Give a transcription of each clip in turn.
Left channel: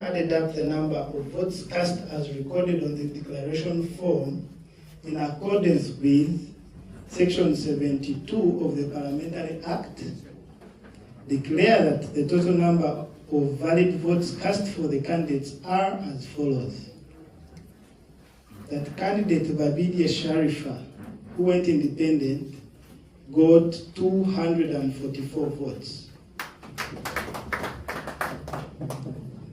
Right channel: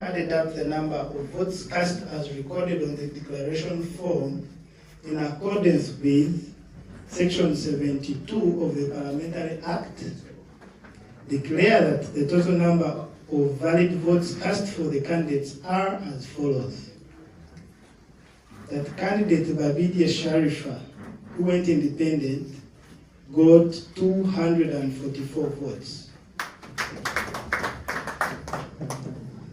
added up the number of votes cast as recorded on the declaration form in accordance with Section 72 of the Parliamentary Act, declare that the total number of valid votes cast for the candidates are as follows. That candidate Babidia Sharifa, who went independent, got 244 votes.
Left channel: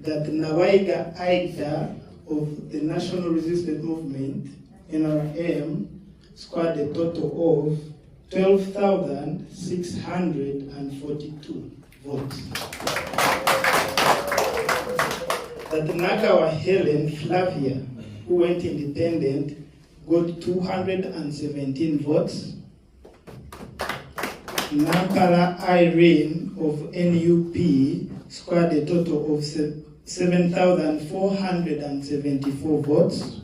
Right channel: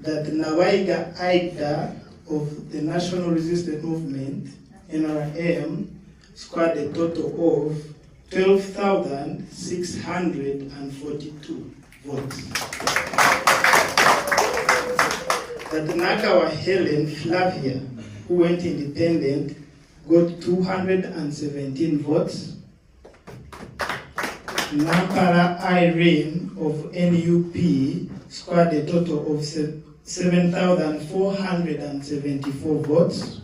That Nawaiga Aida of the National Resistance Movement, NRM, scored a total of 12,642 votes. That Nagawa Helen Flavia, who went independent, got 217 votes. Nampara Irene of NUP scored a total of 7,474 votes.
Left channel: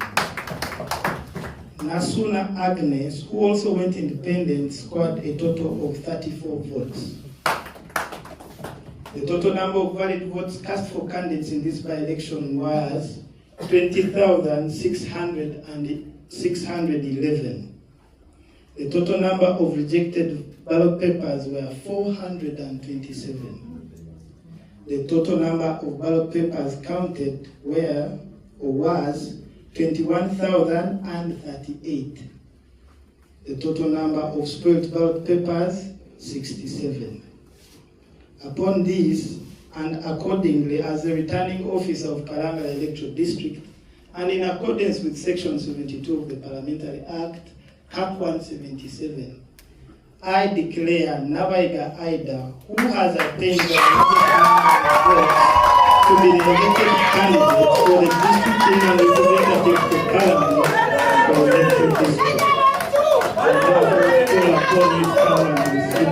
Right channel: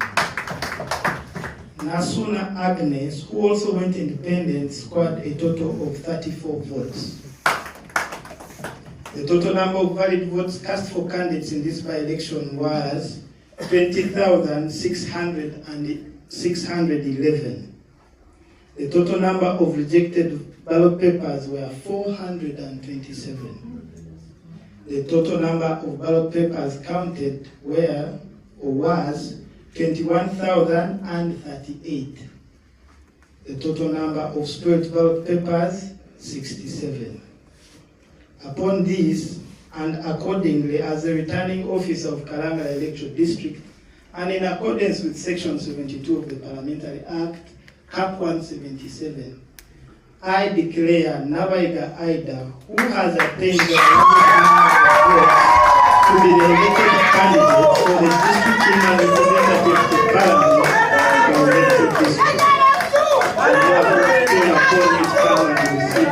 Nasuna Agnes, who also went independent, scored a total of 34 votes. The total number of valid votes cast for candidates in this by-election was 20,611. The total number of rejected ballot papers were 427. The total number of ballot papers counted was 21,038. The total number of spoiled ballot papers, 67. Upon this, and accordingly, as the returning officer of Karangala Electoral District, and in accordance with Section 72 of the Parliamentary Act, Cap 177, I declare Nawaiga Aida, who has attained the votes, to be the elected candidate for the district chairman representative to Parliament for elected district. I therefore call upon Mr. Cameron to receive